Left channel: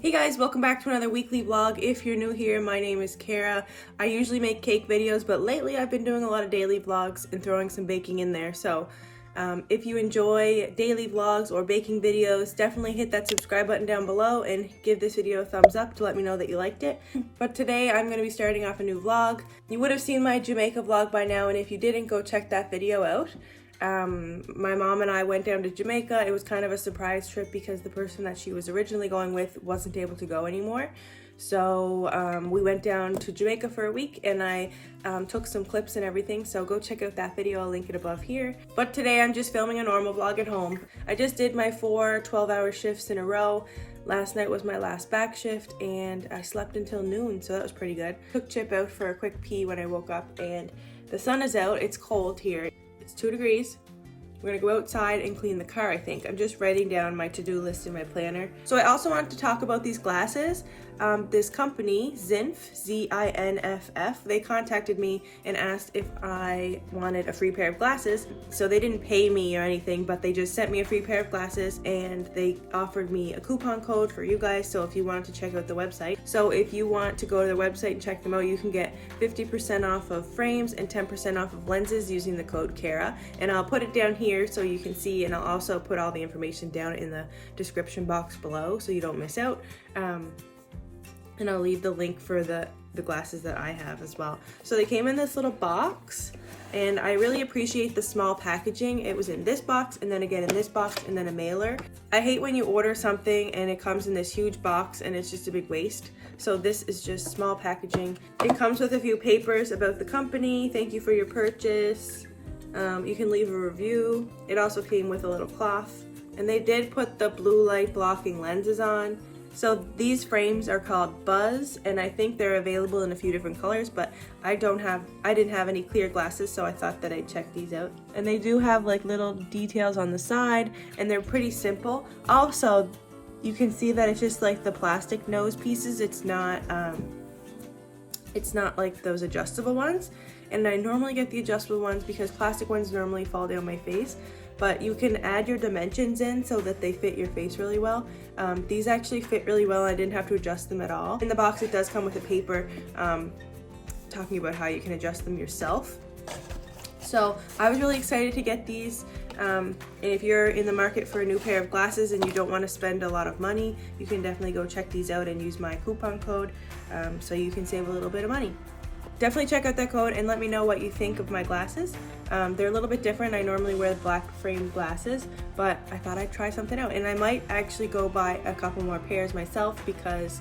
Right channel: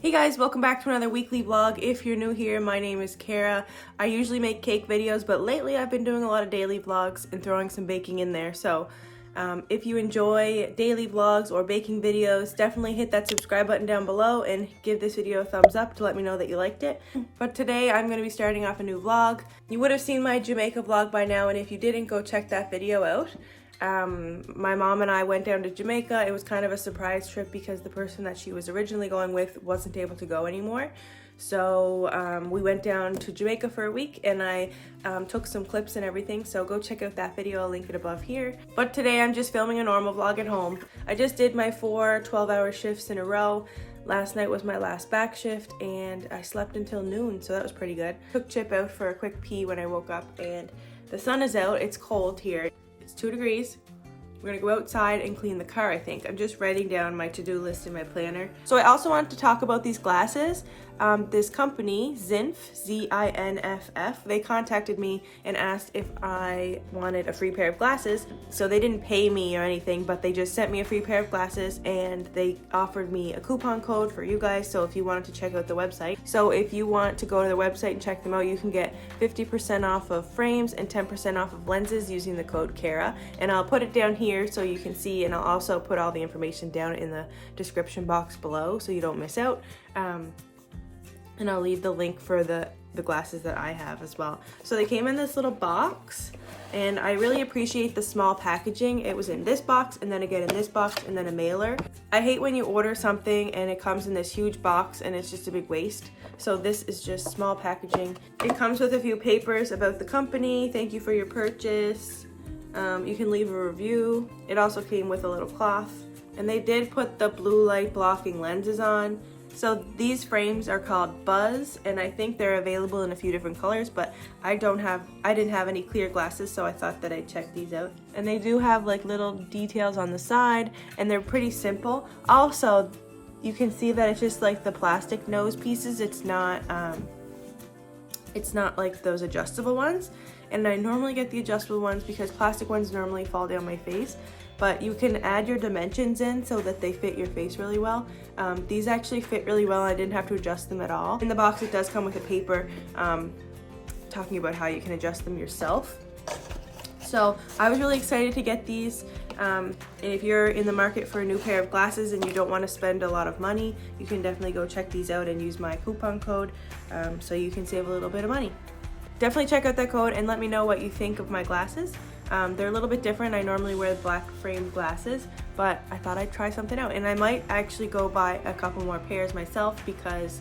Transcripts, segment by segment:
Hey guys, welcome back to another weekly vlog. If you're new here, my name is Cara. I usually make cake videos, but lately I've been doing a lot of daily vlogs and throwing some baking in there. So if you enjoy daily vlogs or baking videos, definitely hit that subscribe button down below and give this video a thumbs up to let me know that you liked it. But today I'm going to be starting off a new vlog. You would have seen my Jamaica vlog by now, and if you didn't, go check that video out. My mom and I went down to Jamaica. It was kind of a surprise trip because the person that she was originally going with wasn't able to go anymore. So we went down to Jamaica for a week, and I took some clips and everything, so go check out that video. I'll link it above here. But today I'm just filming a normal vlog at home. I just did my 4 12-hour shifts in a row. Last night was my last back shift and I slept until noon, so that was pretty good. Took Chip out for a quick pee when I woke up, and the sun is out. It's cold here. It's 2 degrees. We're gonna go outside and clean the car, I think. I'm just writing down my to-do list in my planner. So I also wanted to talk about these glasses. This company, Zinf, Z-I-N-F-F, they contacted me and asked if I wanted a free pair of glasses. So they didn't pay me or anything, but they just sent me a free pair of glasses, and they offered me a coupon code for you guys, so if you wanted to check out the website. So if you want to go to the website and check them out, you can get 50% off of frames and 10% off of lenses using the code Cara. And I'll put it down here so you can see, and I'll also put all the information down in the description box below so you don't miss out. And I'll leave the link for the glasses that I have as well. So they came in this little box, and I really appreciate the small packaging. It was in this box, and then again in this box, and then a mailer. I hate when you order something and it comes in this huge box and it's just a big waste. So this is just small packaging. It comes with a few papers about the company. Thank you for your purchase. You can leave a review. It also came with a little cloth, and they did put the blue light blocking lenses on. So these frames are called Buzz, and I think they're available in a few different colors, but I didn't have any clear glasses, so I thought that I'd check these out. And they do have like little details on the side, and they're pretty simple. Also, you can see that it's just like the plastic nose pieces. It's not like those adjustable ones. And I normally get the adjustable ones because plastic ones normally fall down my face. But you can add your dimensions in so that they fit your face really well. These actually fit really well. I didn't have to adjust them at all. In the box, it does come with a paper talking about how you can adjust them yourself. So I was really excited to get these. And if you're in the market for a new pair of glasses and you don't want to spend a lot of money, you can definitely go check these out and use my coupon code so you can save a little bit of money. Definitely check out that code and let me know what you think of my glasses. They're a little bit different. I normally wear the black framed glasses, but I thought I'd try something out. And I might actually go buy a couple more pairs myself because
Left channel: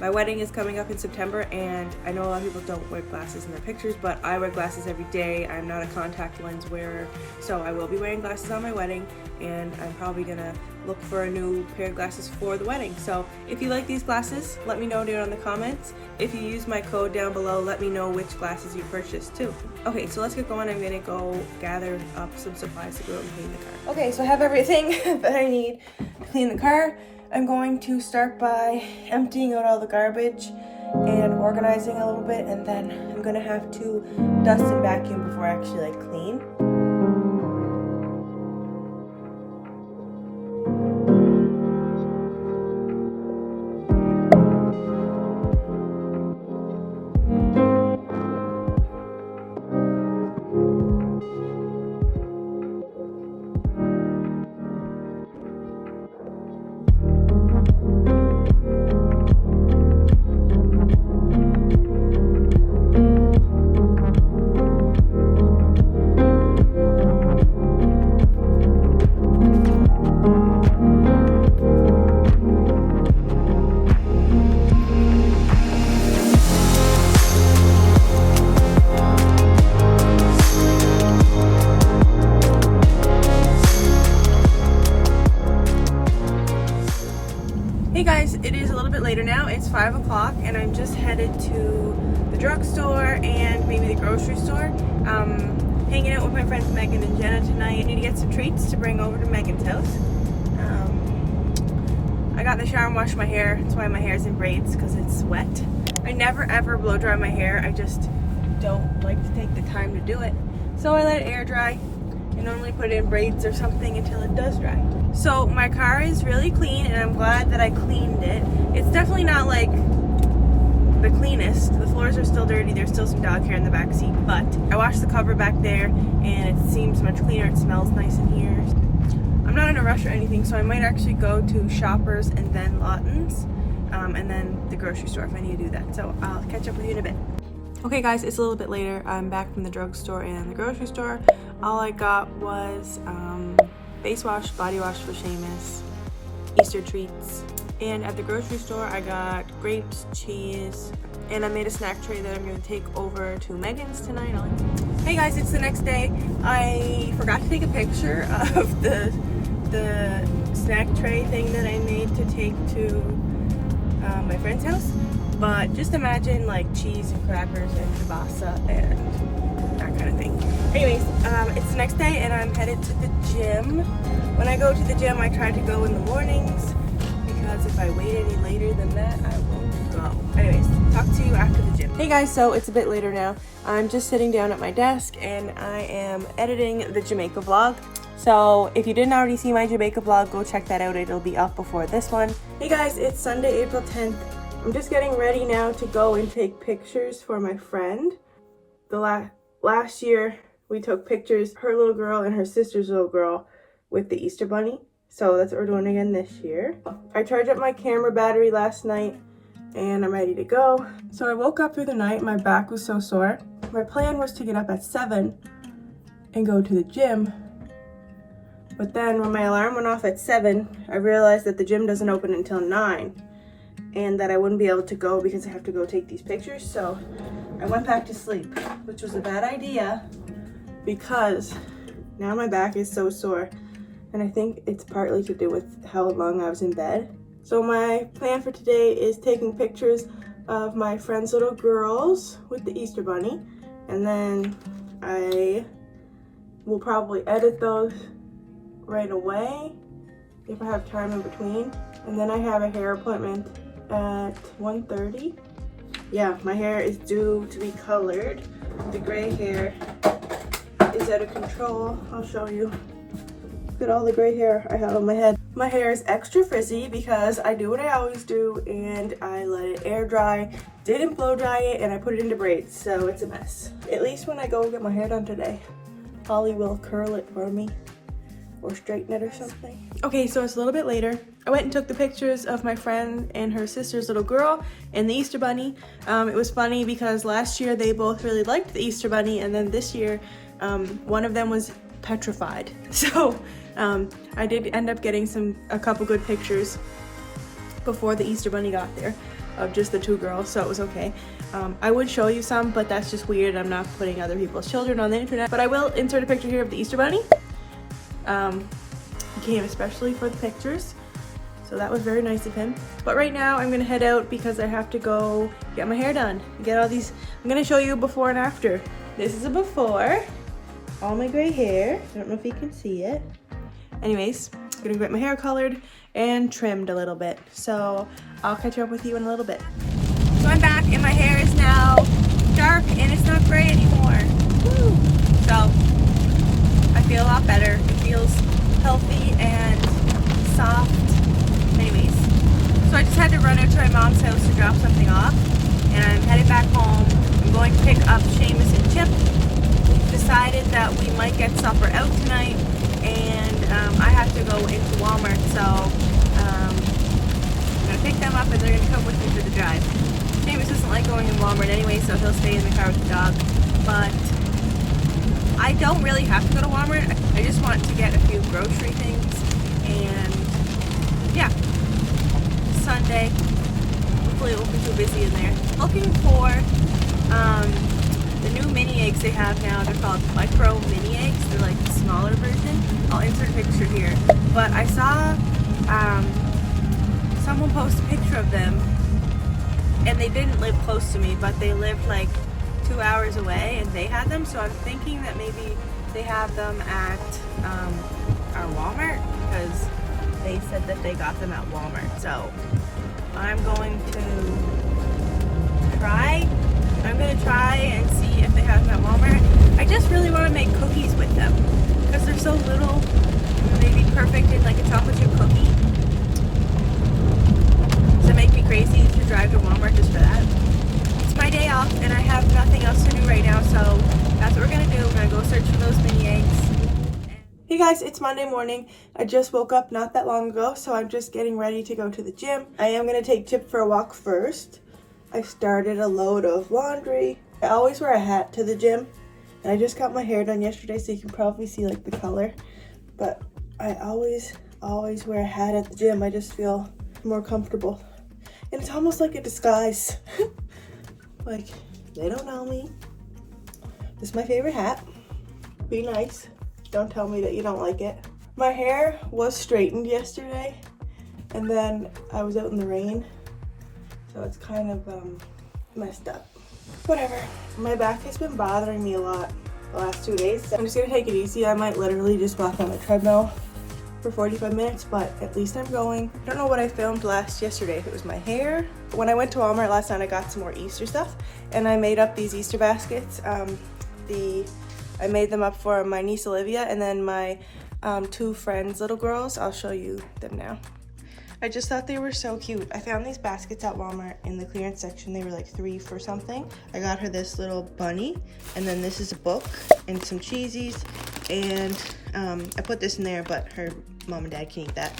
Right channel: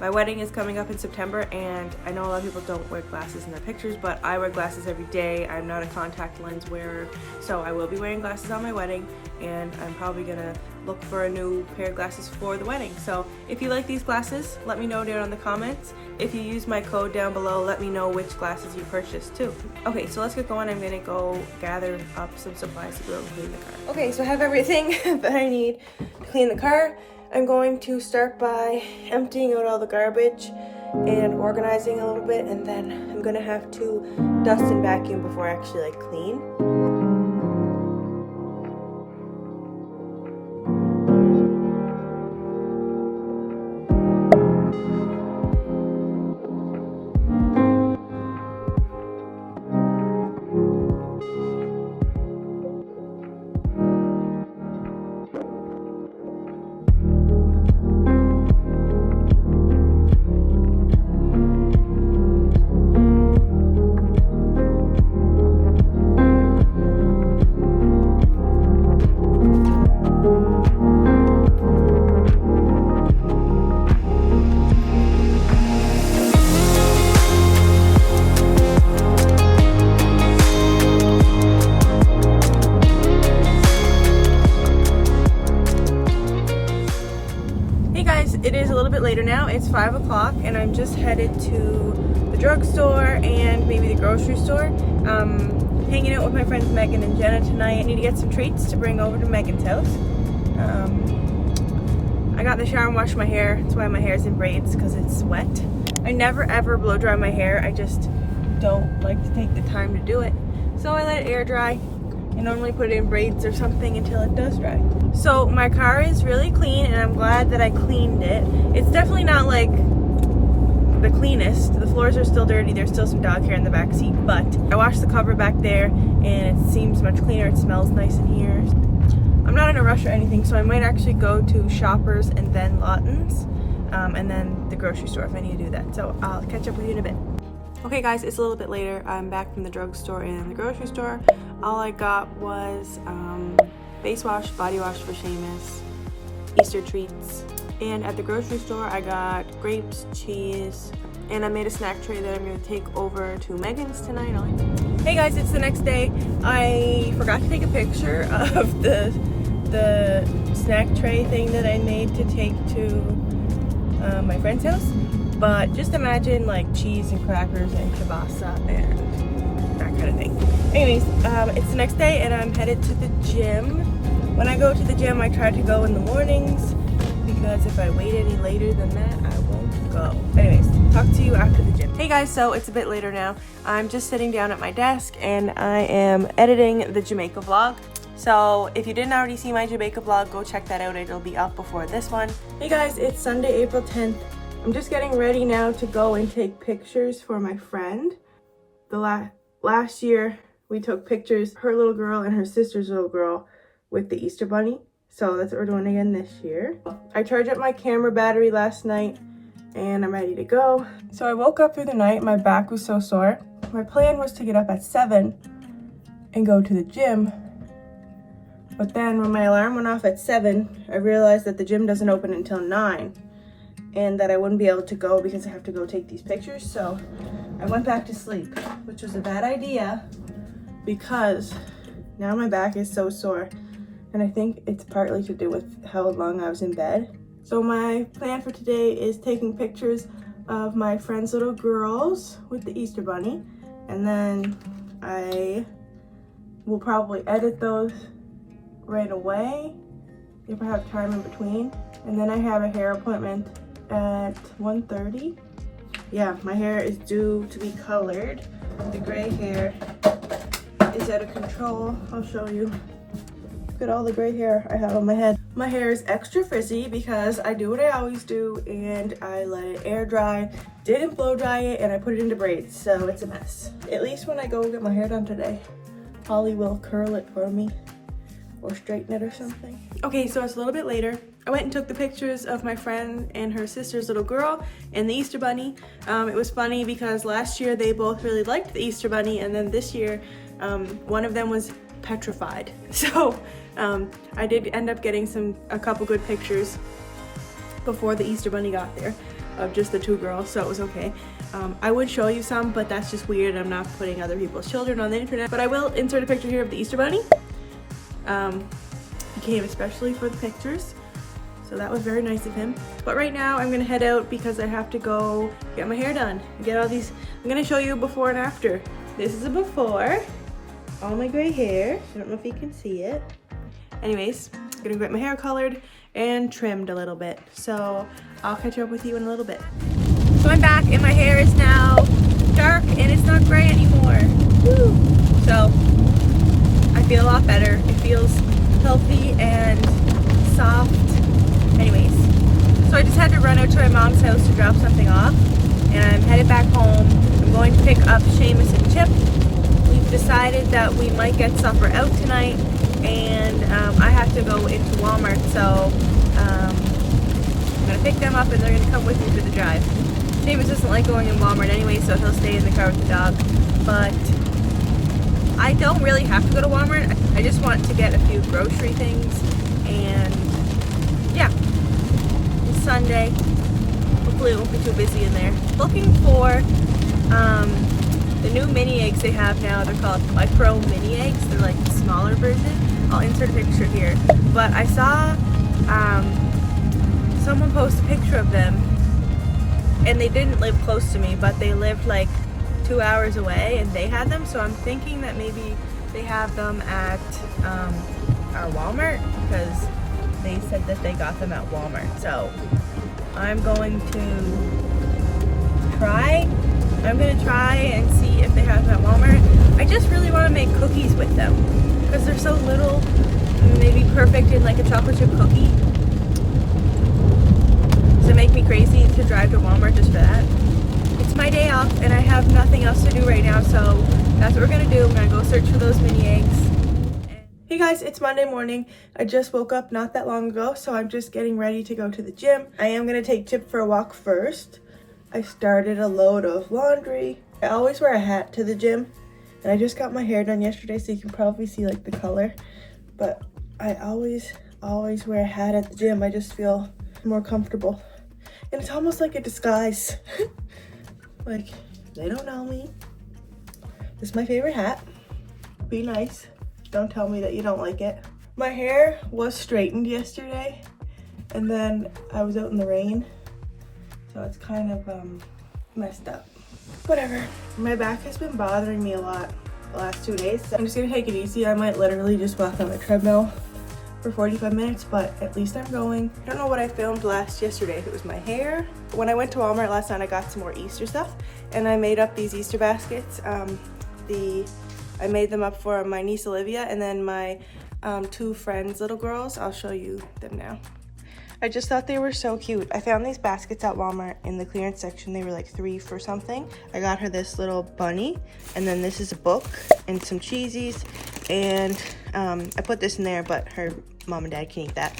my wedding is coming up in September, and I know a lot of people don't wear glasses in their pictures, but I wear glasses every day. I'm not a contact lens wearer, so I will be wearing glasses on my wedding, and I'm probably gonna look for a new pair of glasses for the wedding. So if you like these glasses, let me know down in the comments. If you use my code down below, let me know which glasses you purchased too. Okay, so let's get going. I'm gonna go gather up some supplies to go and clean the car. Okay, so I have everything that I need to clean the car. I'm going to start by emptying out all the garbage and organizing a little bit, and then I'm gonna have to dust and vacuum before I actually clean. It is a little bit later now. It's 5 o'clock, and I'm just headed to the drugstore and maybe the grocery store. Hanging out with my friends Megan and Jenna tonight. I need to get some treats to bring over to Megan's house. I got in the shower and washed my hair. That's why my hair's in braids, because it's wet. I never ever blow dry my hair. I just don't like to take the time to do it. So I let it air dry. You normally put it in braids or something until it does dry. So my car is really clean, and I'm glad that I cleaned it. It's definitely not like the cleanest. The floors are still dirty. There's still some dog hair in the back seat, but I washed the cover back there and it seems much cleaner. It smells nice in here. I'm not in a rush or anything, so I might actually go to Shoppers and then Lawton's, and then the grocery store if I need to do that. So I'll catch up with you in a bit. Okay guys, it's a little bit later. I'm back from the drugstore and the grocery store. All I got was face wash, body wash for Seamus, Easter treats. And at the grocery store, I got grapes, cheese, and I made a snack tray that I'm gonna take over to Megan's tonight. Hey guys, it's the next day. I forgot to take a picture of the snack tray thing that I made to take to my friend's house. But just imagine like cheese and crackers and kielbasa and that kind of thing. Anyways, it's the next day and I'm headed to the gym. When I go to the gym, I try to go in the mornings, because if I wait any later than that, I won't go. Anyways, talk to you after the gym. Hey guys, so it's a bit later now. I'm just sitting down at my desk and I am editing the Jamaica vlog. So if you didn't already see my Jamaica vlog, go check that out. It'll be up before this one. Hey guys, it's Sunday, April 10th. I'm just getting ready now to go and take pictures for my friend. The last year, we took pictures, her little girl and her sister's little girl, with the Easter Bunny. So that's what we're doing again this year. I charged up my camera battery last night and I'm ready to go. So I woke up through the night, my back was so sore. My plan was to get up at 7 and go to the gym. But then when my alarm went off at 7, I realized that the gym doesn't open until 9 and that I wouldn't be able to go because I have to go take these pictures. So I went back to sleep, which was a bad idea because now my back is so sore. And I think it's partly to do with how long I was in bed. So my plan for today is taking pictures of my friend's little girls with the Easter Bunny. And then I will probably edit those right away if I have time in between. And then I have a hair appointment at 1:30. Yeah, my hair is due to be colored. The gray hair is out of control. I'll show you. Look at all the gray hair I have on my head. My hair is extra frizzy because I do what I always do and I let it air dry, didn't blow dry it, and I put it into braids, so it's a mess. At least when I go get my hair done today, Holly will curl it for me or straighten it or something. Okay, so it's a little bit later. I went and took the pictures of my friend and her sister's little girl and the Easter Bunny. It was funny because last year they both really liked the Easter Bunny, and then this year one of them was petrified. So I did end up getting a couple good pictures before the Easter Bunny got there of just the two girls, so it was okay. I would show you some, but that's just weird. I'm not putting other people's children on the internet, but I will insert a picture here of the Easter Bunny. He came especially for the pictures, so that was very nice of him. But right now I'm gonna head out because I have to go get my hair done, get all these. I'm gonna show you before and after. This is a before, all my gray hair. I don't know if you can see it. Anyways, I'm gonna get my hair colored and trimmed a little bit, so I'll catch up with you in a little bit. So I'm back and my hair is now dark and it's not gray anymore. Woo! So I feel a lot better. It feels healthy and soft. Anyways, so I just had to run out to my mom's house to drop something off, and I'm headed back home. I'm going to pick up Seamus and Chip. We've decided that we might get supper out tonight, and I have to go into Walmart, so I'm gonna pick them up and they're gonna come with me for the drive. Seamus doesn't like going in Walmart anyway, so he'll stay in the car with the dog, but I don't really have to go to Walmart. I just want to get a few grocery things, and yeah, it's Sunday. Hopefully it won't be too busy in there. Looking for the new mini eggs they have now. They're called micro mini eggs. They're like the smaller version. I'll insert a picture here. But I saw someone post a picture of them, and they didn't live close to me, but they lived like 2 hours away and they had them, so I'm thinking that maybe they have them at our Walmart, because they said that they got them at Walmart. So I'm going to try and see if they have them at Walmart. I just really want to make cookies with them because they're so little and they'd be perfect in like a chocolate chip cookie. Does it make me crazy to drive to Walmart just for that? It's my day off and I have nothing else to do right now, so that's what we're gonna do. We're gonna go search for those mini eggs. Hey guys, it's Monday morning. I just woke up not that long ago, so I'm just getting ready to go to the gym. I am gonna take Chip for a walk first. I started a load of laundry. I always wear a hat to the gym, and I just got my hair done yesterday, so you can probably see like the color. But I always wear a hat at the gym. I just feel more comfortable. And it's almost like a disguise. Like, they don't know me. This is my favorite hat. Be nice. Don't tell me that you don't like it. My hair was straightened yesterday, and then I was out in the rain, so it's kind of messed up. Whatever. My back has been bothering me a lot the last 2 days. So I'm just gonna take it easy. I might literally just walk on the treadmill for 45 minutes, but at least I'm going. I don't know what I filmed yesterday, if it was my hair. When I went to Walmart last night, I got some more Easter stuff, and I made up these Easter baskets. I made them up for my niece Olivia and then my 2 friends, little girls. I'll show you them now. I just thought they were so cute. I found these baskets at Walmart in the clearance section. They were like $3 for something. I got her this little bunny, and then this is a book and some cheesies, and I put this in there, but her mom and dad can eat that.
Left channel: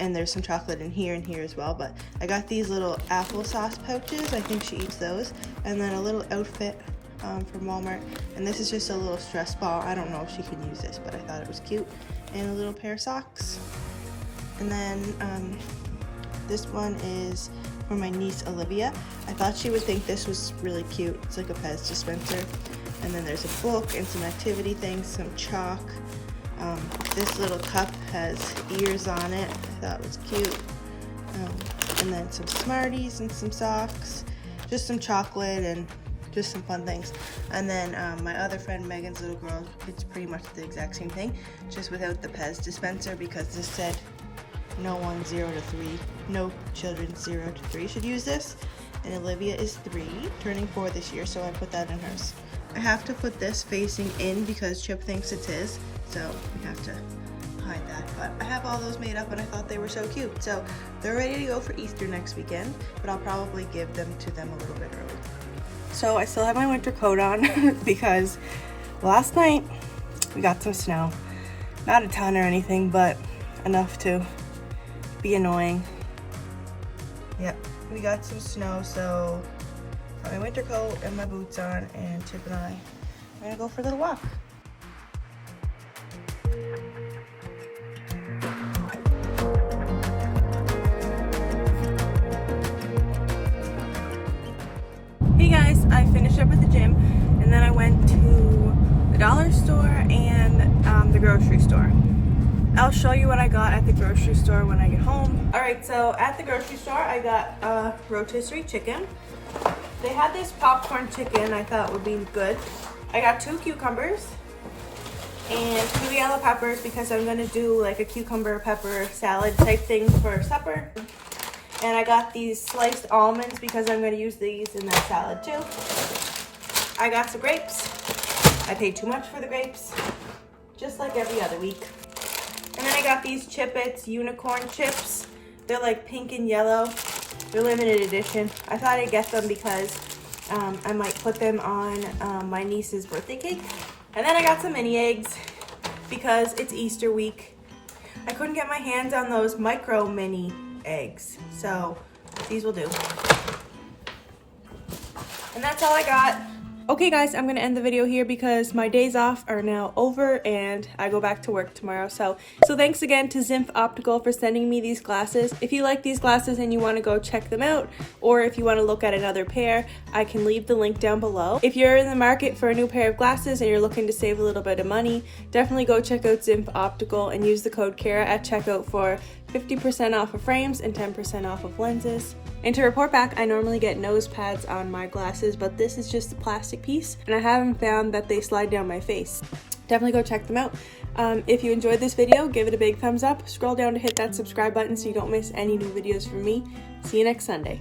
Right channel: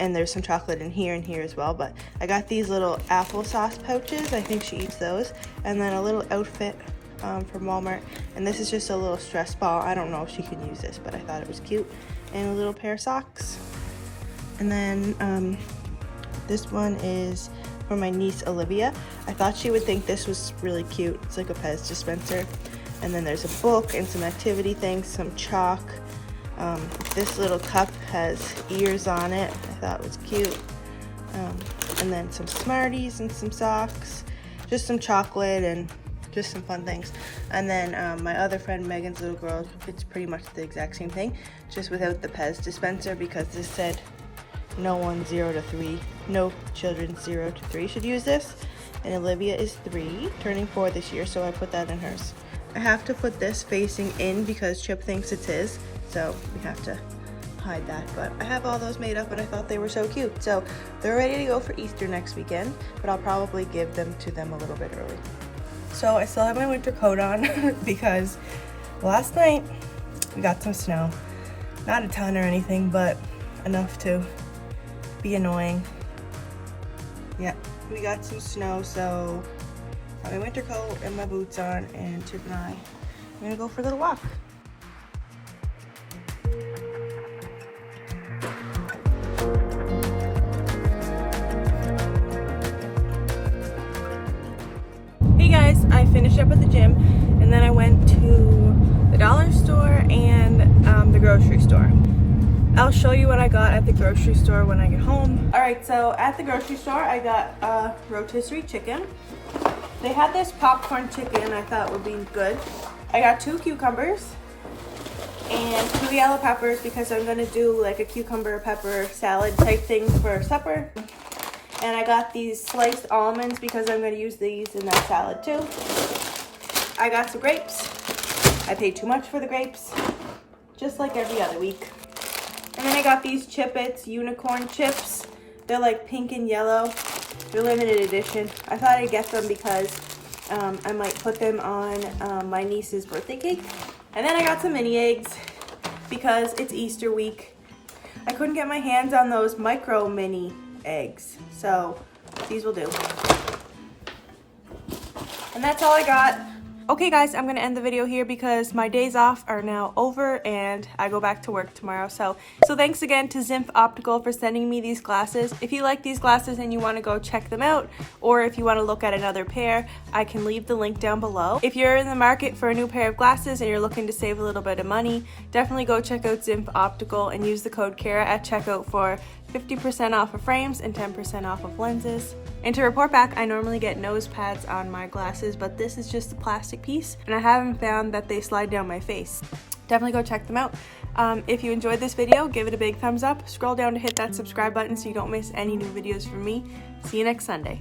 And there's some chocolate in here and here as well. But I got these little applesauce pouches. I think she eats those. And then a little outfit from Walmart, and this is just a little stress ball. I don't know if she can use this, but I thought it was cute. And a little pair of socks. And then this one is for my niece Olivia. I thought she would think this was really cute. It's like a Pez dispenser. And then there's a book and some activity things, some chalk. This little cup has ears on it. I thought it was cute. And then some Smarties and some socks, just some chocolate and just some fun things. And then my other friend Megan's little girl, it's pretty much the exact same thing, just without the Pez dispenser, because this said no one 0 to 3, no children 0 to 3 should use this. And Olivia is 3, turning 4 this year, so I put that in hers. I have to put this facing in because Chip thinks it's his, so we have to hide that. But I have all those made up and I thought they were so cute. So they're ready to go for Easter next weekend, but I'll probably give them to them a little bit early. So I still have my winter coat on because last night we got some snow. Not a ton or anything, but enough to be annoying. Yep, we got some snow, so got my winter coat and my boots on, and Chip and I are gonna go for a little walk. Hey guys, I finished up at the gym and then I went to the dollar store and the grocery store. I'll show you what I got at the grocery store when I get home. Alright, so at the grocery store I got a rotisserie chicken. They had this popcorn chicken I thought would be good. I got 2 cucumbers and 2 yellow peppers because I'm gonna do like a cucumber pepper salad type thing for supper. And I got these sliced almonds because I'm going to use these in that salad too. I got some grapes. I paid too much for the grapes, just like every other week. And then I got these Chip-Its unicorn chips. They're like pink and yellow. They're limited edition. I thought I'd get them because I might put them on my niece's birthday cake. And then I got some mini eggs because it's Easter week. I couldn't get my hands on those micro mini eggs, so these will do. And that's all I got. Okay guys, I'm gonna end the video here because my days off are now over and I go back to work tomorrow. So thanks again to Zimph Optical for sending me these glasses. If you like these glasses and you want to go check them out, or if you want to look at another pair, I can leave the link down below. If you're in the market for a new pair of glasses and you're looking to save a little bit of money, definitely go check out Zimph Optical and use the code Cara at checkout for 50% off of frames and 10% off of lenses. And to report back, I normally get nose pads on my glasses, but this is just a plastic piece, and I haven't found that they slide down my face. Definitely go check them out. If you enjoyed this video, give it a big thumbs up. Scroll down to hit that subscribe button so you don't miss any new videos from me. See you next Sunday.